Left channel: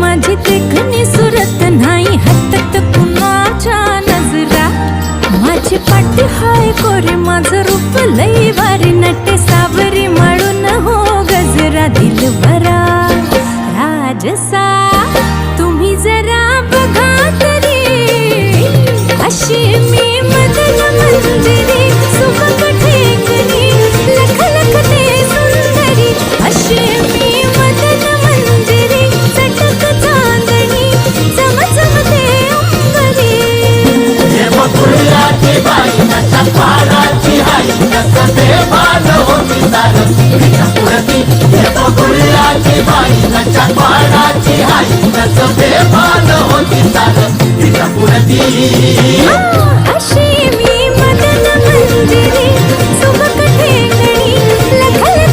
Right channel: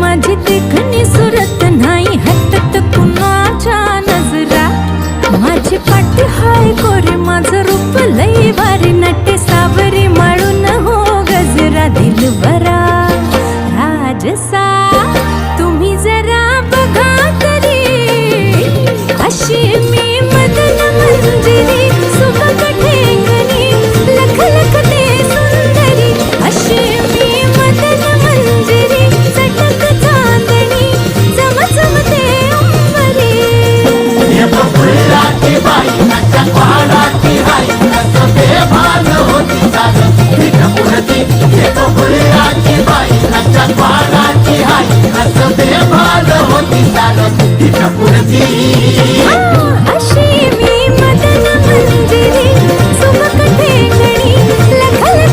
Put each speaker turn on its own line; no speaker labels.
माझी देखणी सुरत नाही हटत कुणाच्या नजरा. माझी पाठी हाय कोरी माझं रूप लई वारी नटे सावरी माळून हो गजरा दिलवरा. राजसा तुम्ही जरा बघा तरी अशी मी